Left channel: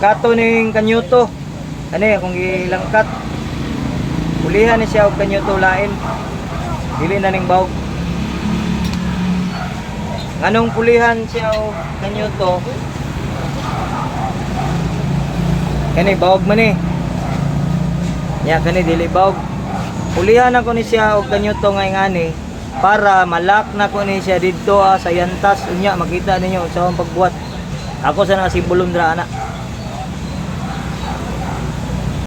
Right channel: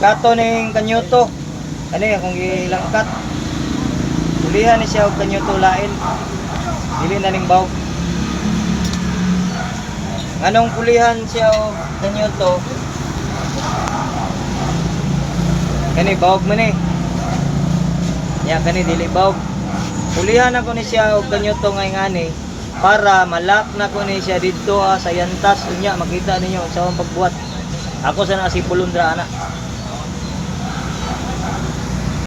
Pagkato ning kanyuto, ano kung ilangkat, pulihan ni siya og kanyuto lain. Dili na ning bawog. Nganong pulihan siya og kanyuto? Kani bawog man eh. Ya kani dili bawog. Pulihan ako ni siya og kanyuto ngay ngani para malak na ko ni siya didto sa yantas unya makita ninyo sa akong pagbuhat. Ako sa nakasipulon dra ana.